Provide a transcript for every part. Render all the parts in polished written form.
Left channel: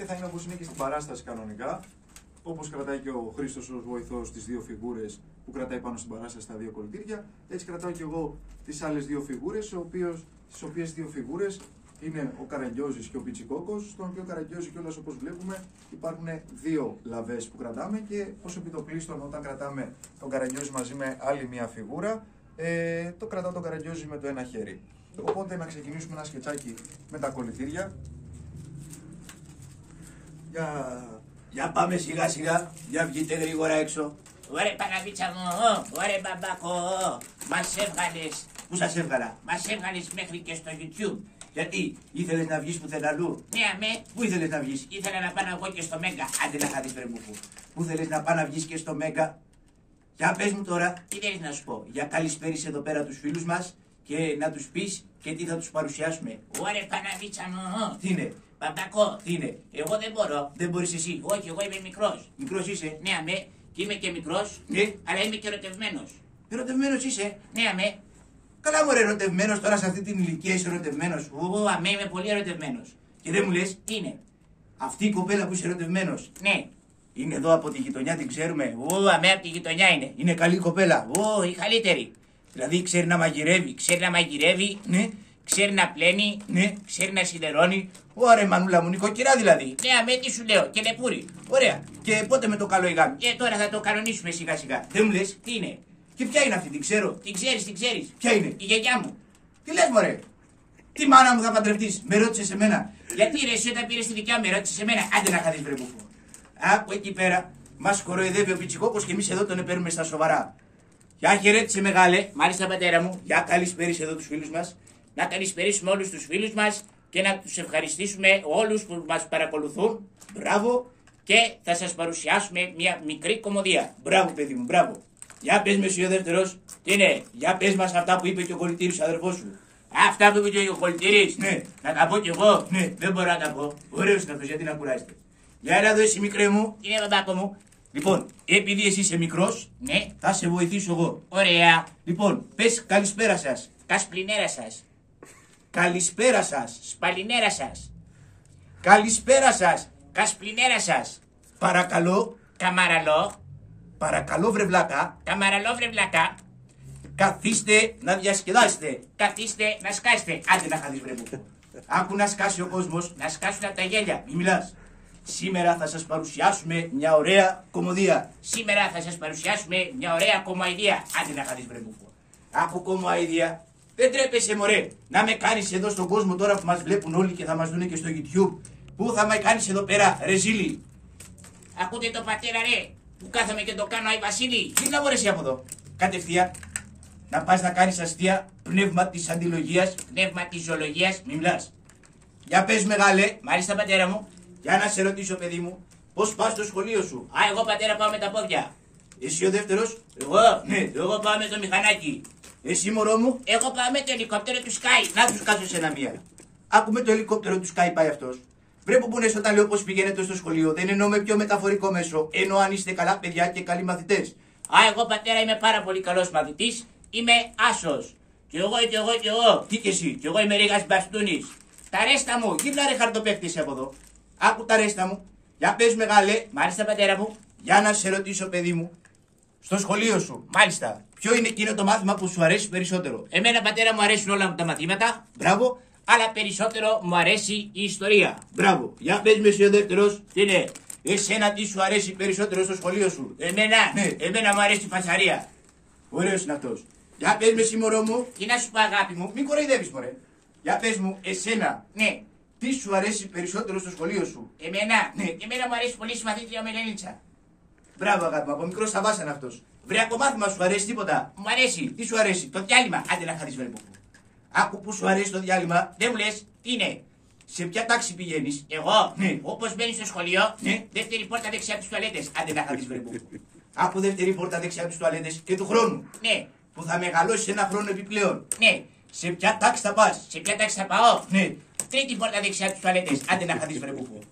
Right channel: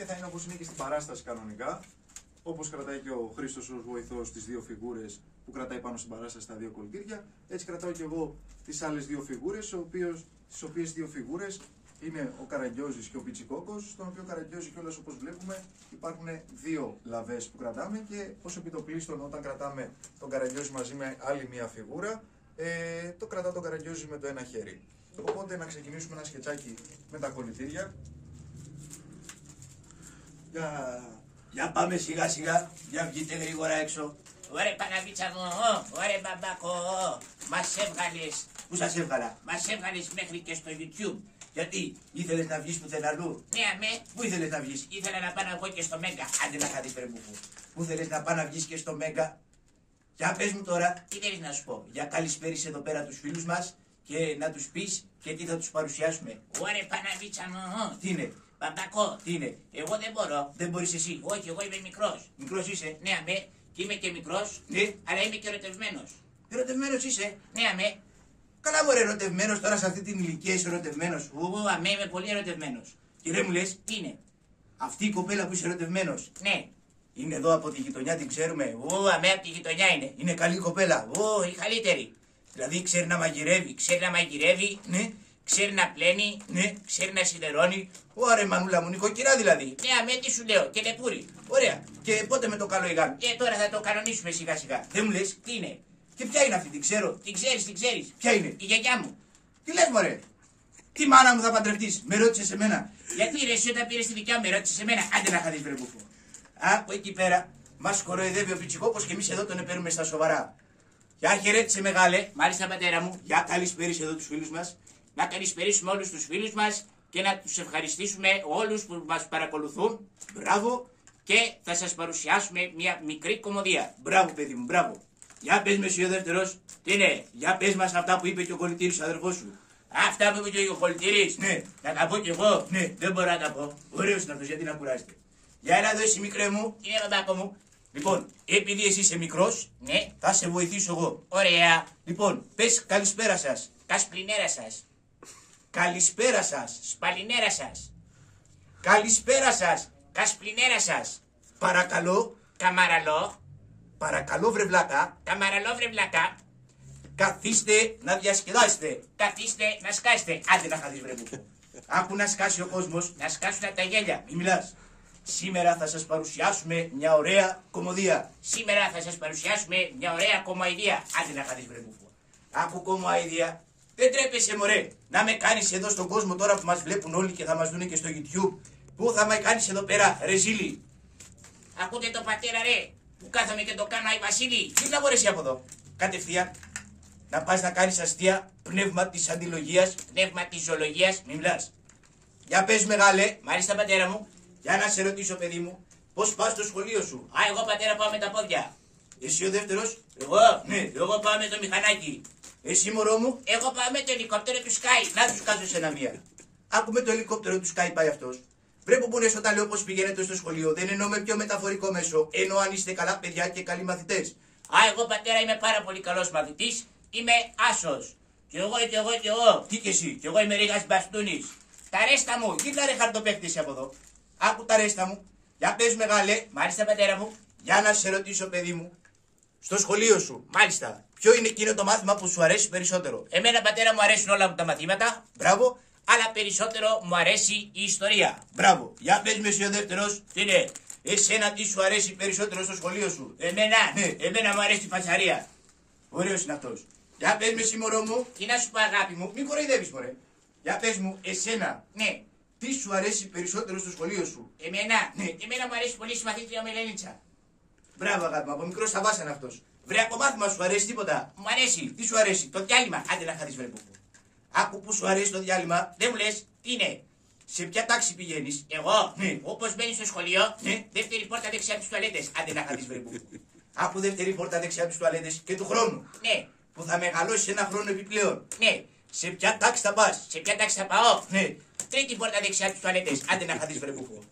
και θα είναι όπως είναι και στην παράσταση κανονικά. Όπως κρατάει και ο Χρήστος ως βοηθός τις δύο φιγούρες που κρατάει πάνω στην παράσταση τα δύο κολλητήρια, έτσι κρατάω και εγώ τις άλλες δύο φιγούρες, τις οποίες δύο φιγούρες είναι ο Καραγκιόζης και ο Πιτσικόκος, στον οποίο Καραγκιόζη κιόλας όπως βλέπουμε υπάρχουν δύο λαβές που κρατάμε και ως επιτοπλίστων όταν κρατάμε τον Καραγκιόζη μαζί με άλλη μία φιγούρα, το κρατά τον Καραγκιόζη με το ένα χέρι. Οπότε να ξεκινήσουμε ένα σκετσάκι με τα κολλητήρια. Για πάμε σιγά σιγά, για βγείτε γρήγορα έξω. Ωραία Παναβίτσα μου, ωραία μπαμπάκο, μας έβγαλες. Πού σας έβγαλα? Μας έβγαλες μέχρι και στο YouTube. Γιατί, ήθελες να βγεις πουθενά αλλού? Ναι, αμέ. Πού ήθελες να βγεις? Ήθελα να πάω εγώ και στο Μέγκα. Άντε να χάθεις πρεμούχου. Πού θέλεις να πάω να βγεις και στο Μέγκα? Για πες μου τώρα. Τι θέλεις να σου πω? Για καλησπέρισε εδώ πέρα τους φίλους μας και να τους πεις και τι θα τους παρουσιάσουμε. Ωραία Παναβίτσα μου. Τι είναι? Μπαμπάκο, Τι είναι? εγώ δεν μπορώ. Δεν μπορείς εσύ? Όχι, εγώ είμαι μικρός. Μικρός είσαι? Ναι, αμέ. Και είμαι και μικρός, Ναι. αλλά είμαι και ερωτευμένος. Ερωτευμένος είσαι? Ναι, αμέ. Καλά μωρέ, ερωτευμένος τώρα σε αυτή την ηλικία είσαι ερωτευμένος. Αμέ, είμαι πολύ ερωτευμένος. Και δεν μου λες, Τι είναι? αυτή η κοπέλα που είσαι ερωτευμένος Ναι. είναι εδώ από τη γειτονιά, την ξέρουμε. Αμέ, από τη γειτονιά είναι. Είναι καλή κοπέλα. Η καλύτερη. Δηλαδή ξέρει να μαγειρεύει. Ξέρει να μαγειρεύει, Ναι, ξέρει να πλένει, ναι. ξέρει να σιδερώνει. Ωραία, μανούλα μου, νοικοκυρά δηλαδή. Ναι, αμέ, τι σου λέω, και λεπούρι. Ωραία. Και πότε με το καλό ηγάν? Και τώρα θα το κανονίσουμε σιγά σιγά. Δεν μου λες. Τι είναι? Και ποια είναι αυτή, την ξέρω. Την ξέρεις, την ξέρεις. Ποια είναι? Η γιαγιά μου. Τι λες μωρέ. Τι μάνα μου θα παντρευτείς? Με ρώτησες εμένα. Γιατί ρε, εσύ όταν πήρες τη δικιά μου, ρώτησες εμένα. Άντε να χαθείς βρε μπουφού. Από εκεί πέρα μας κοροϊδεύει ο Πιτσικόκος και εμείς εδώ τον παίρνουμε στα σοβαρά. Γεια χαιρέτησε μεγάλε. Μάλιστα, πατέρα μου. Για καλησπέρισε εδώ τους φίλους μας. Να καλησπερίσουμε όλους τους φίλους μας και να τους ευχαριστήσουμε όλους που μας παρακολουθούν. Μπράβο. Και θα σας παρουσιάσουμε μια μικρή κομμωδία. Μπράβο παιδί μου, μπράβο. Για πες με εσύ ο δεύτερος. Τι είναι? Για πες μας αυτά που είπε και ο κολλητήρης αδερφός σου. Αυτά που είπε και ο κολλητήρης. Ναι. Να τα πω κι εγώ. Ναι. Δεν μπορώ να τα πω. Ωραίος είναι αυτός, γιατί να κουράζετε. Για έλα εδώ εσύ μικρέ μου. Τι είναι, μπαμπάκο μου? Λοιπόν, επειδή εσύ είσαι μικρός, Ναι. θα σε βοηθήσω εγώ. Ωραία. Λοιπόν, πες καλησπέρα σας. Κασπλινέρα σας. Καλησπέρα σας. Σπαλινέρα σας. Καλησπέρα σας. Κασπλινέρα σας. Παρακαλώ, Καμαραλό. παρακαλώ βρε βλάκα, Καμαραλό βρεβλακά. καθίστε να διασκεδάσετε. Καθίστε να σκάσετε. Άντε να χαθείς βρε μου. Άκου να σκάσει ο κόσμος, Να σκάσουν τα γέλια. μη μιλάς. Σήμερα θα σας παρουσιάσουμε μια ωραία κομμωδία. Σήμερα θα σας παρουσιάσουμε μια ωραία κομμωδία. Άντε να χαθείς βρε μου. Άκου κομμωδία. Δεν τρέπεσαι μωρέ να με κάνεις εδώ στον κόσμο τώρα που μας βλέπουν όλοι και θα μας δουν και στο YouTube. Πού θα με κάνεις εδώ πέρα ρε ζήλι. Ακούτε το πατέρα ρε, που κάθομαι και το κάνω Άι Βασίλη. Τι να μπορέσει από εδώ. Κατευθείαν να πας να κάνεις αστεία πνεύμα της αντιλογίας. Πνεύμα της ζωολογίας. Μη μιλάς. Για πες μεγάλε, Μάλιστα, πατέρα μου. για να σε ρωτήσω παιδί μου, πώς πας στο σχολείο σου. Εγώ πατέρα πάω με τα πόδια. Εσύ ο δεύτερος. Εγώ, Ναι. εγώ πάω με το μηχανάκι. Εσύ μωρό μου. Εγώ πάω με το ελικόπτερο του Sky. Να τους κάτω σε ένα μία. Άκουμε το ελικόπτερο του Sky πάει αυτός. Βρε που λες όταν λέω πως πηγαίνετε στο σχολείο, δεν εννοώ με πιο μεταφορικό μέσο. Εννοώ αν είστε καλά παιδιά και καλοί μαθητές. Εγώ πατέρα είμαι πάρα πολύ καλός μαθητής. Είμαι άσος. Κι εγώ, κι εγώ, κι εγώ. Τι και εσύ. Κι εγώ είμαι Ρίγας Μπαστούνης. Τα ρέστα μου. Γύρνα ρε χαρτοπαίχτη από εδώ. Άκου τα ρέστα μου. Για πες μεγάλε, Μάλιστα, πατέρα μου. για να σε ρωτήσω παιδί μου. Στο σχολείο σου, Μάλιστα. ποιο είναι εκείνο το μάθημα που σου αρέσει περισσότερο. Εμένα, πατέρα μου, αρέσουν όλα τα μαθήματα. Μπράβο, Αλλά περισσότερο μου αρέσει η ιστορία. μπράβο. Για πες με εσύ ο δεύτερος. Τι είναι? Εσένα τι σου αρέσει περισσότερο στο σχολείο σου. Εμένα, Ναι. εμένα μου αρέσει η φασαρία. Ωραίος είναι αυτός. Για πες με εσύ μωρό μου. Τι να σου πω, αγάπη μου. Μην κοροϊδεύεις μωρέ. Για πες μου, εσένα, Ναι. τι σου αρέσει περισσότερο στο σχολείο σου. Εμένα, Ναι. εμένα μου αρέσει πολύ η συμμαθήτρια μου Ελένιτσα. Μπράβο αγάπη μου, από μικρό σαβάς είναι αυτός. Βρε από μάθημα σου αρέσει τίποτα. Μου αρέσει. Τι σου αρέσει. Το διάλειμμα. Άντε να χαθείς βρε που. Άκου που σου αρέσει το διάλειμμα. Δεν μου λες, τι είναι? Σε ποια τάξη πηγαίνεις. Εγώ, Ναι. όπως μπαίνεις στο σχολείο, Ναι. δεύτερη πόρτα δεξιά από τις τουαλέτες. Άντε να χαθείς βρε που. Άκου δεύτερη πόρτα δεξιά από τις τουαλέτες και του χρόνου. Ναι, Που θα μεγαλώσει ένα χρόνο επιπλέον. ναι. Σε ποια τάξη θα πας. Σε ποια τάξη θα πάω? Ναι. Τρίτη πόρτα δεξιά από τις τουαλέτες. Άντε να χαθείς βρε που.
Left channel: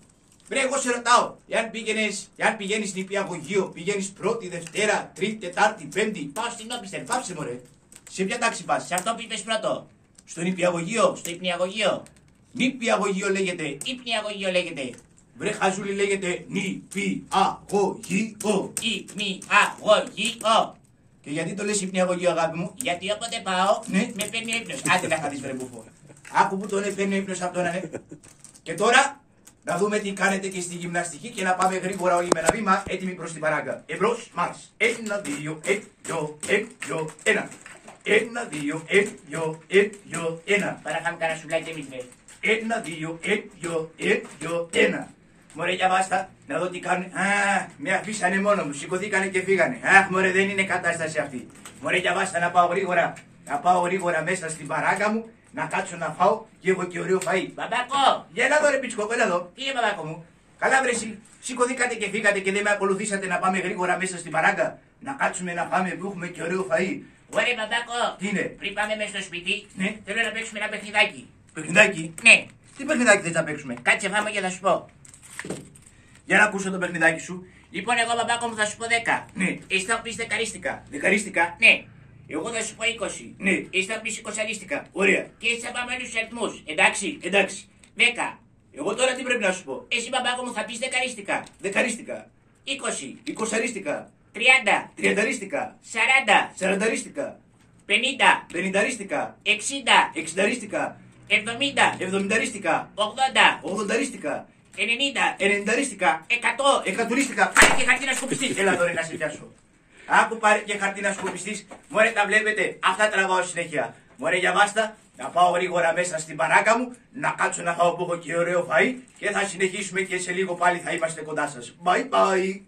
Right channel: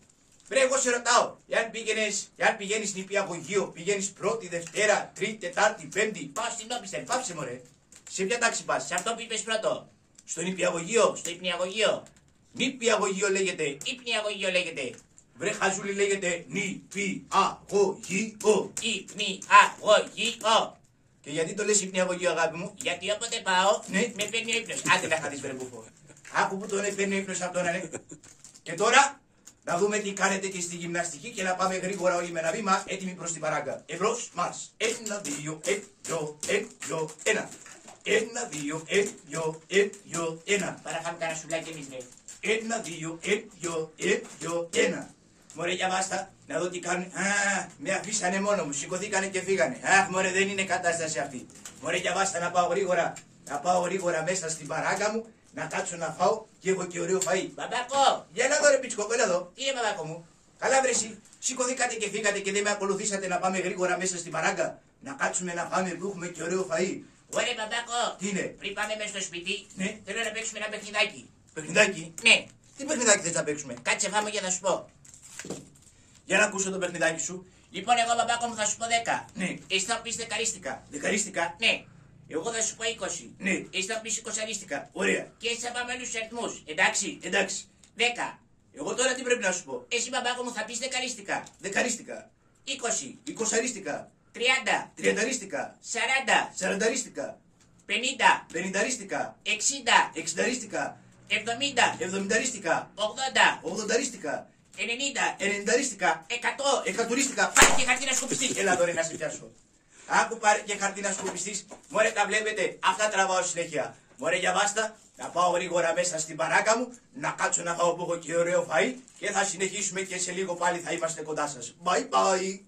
Βρε εγώ σε ρωτάω. Εάν πηγαίνεις νηπιαγωγείο, πηγαίνεις πρώτη, Δευτέρα, Τρίτη, Τετάρτη, Πέμπτη. Πάω στην Όπιστερ. Πάψε μωρέ. Σε ποια τάξη πας. Σε αυτό που είπες πρώτο. Στο νηπιαγωγείο. Στο υπνιαγωγείο. Νηπιαγωγείο λέγεται. Υπνιαγωγείο λέγεται. Βρε χαζούλη λέγεται νηπιαγωγείο. Υπνιαγωγείο. Και γιατί το λες υπνιαγωγείο, αγάπη μου? Γιατί όποτε πάω, Ναι. με παίρνει ύπνος. Άντε να χαθείς βρε μπουφό. Άκου που τον έπαιρνε ύπνος από τον ναι. Και τώρα να δούμε τι κάνετε και στη γυμναστική και να πάμε γρήγορα όλοι με ένα βήμα έτοιμοι προς την παράγκα. Εμπρός μας. 1, 2, 1. 1, 2, 1. Παρακάμε κανένα σουβλάκι εμείς, ρε. 1, 2, 1. Μωρέ για βάστα, να δω τι κάνουν. Α, με αφήσανε μόνο μου, σηκωθήκανε και φύγανε. Αχ, μωρέ, δεν είναι κατάσταση αυτή. Μωρέ για βάστα, να πάω γρήγορα μέσα στην παράγκα μου, να κάτσω να φάω και έχω και ωραίο φαΐ. Μπαμπάκο, Για έλα εδώ ρε πιτσικόκο, έλα εδώ. τι είναι μπαμπάκο μου? Καλά βρε εσύ, σηκωθήκατε και φύγατε και δεν με ακολουθήσατε να πάμε γρήγορα μέσα στην παράγκα. Να κάτσουμε να φάμε που έχουμε και ωραίο φαΐ. Ωραία μπαμπάκο, Τι είναι? πριν πάμε μέσα στο σπίτι, Ναι. θέλω να παίξουμε ένα παιχνιδάκι. Παιχνιδάκι. Ναι, Τι παιχνιδάκι θες να παίξουμε? κάτσε φάμε και θα σου πω. Για να ακούσω το παιχνιδάκι σου. Λοιπόν, εγώ μπαμπάκο μου θα σου πω 10. Ναι. Εσύ θα μου πεις δεκαρίστικα. Δεκαρίστικα. Ναι. Εγώ θα σου πω 20. Ναι. Εσύ θα μου πεις 20αρίστικα. Ωραία. Και έτσι θα πάμε όλους τους αριθμούς. Εντάξει. Εντάξει. 10. Εγώ τώρα τι πρέπει να σου πω? Εσύ μπαμπάκο μου θα πεις δεκαρίστικα. Δεκαρίστικα. 20. Εικοσαρίστικα. 30. Τριανταρίστικα. 40. Σαρανταρίστικα. 50. Πενηνταρίστικα. 60. Εξηνταρίστικα. 70. Εβδομηνταρίστικα. 80. Ογδονταρίστικα. 90. Ενενηνταρίστικα. 100. Εκατουρίστικα. Πάρε και χαρτί να σκουπιστείς. Έλα τώρα να σε πιάσω. Άκου πάρε και χαρτί να σκουπιστείς. Μωρέ τα βλέπετε. Αυτά τραβάω συνέχεια. Μωρέ για βάστα. Να πάω γρήγορα μέσα στην παράκα μου. Να κάτσω να φάω που έχω και ωραίο φαΐ. Και θα συνεχίσουμε και σε λίγο πάλι θα είμαστε κοντά σας. Bye bye.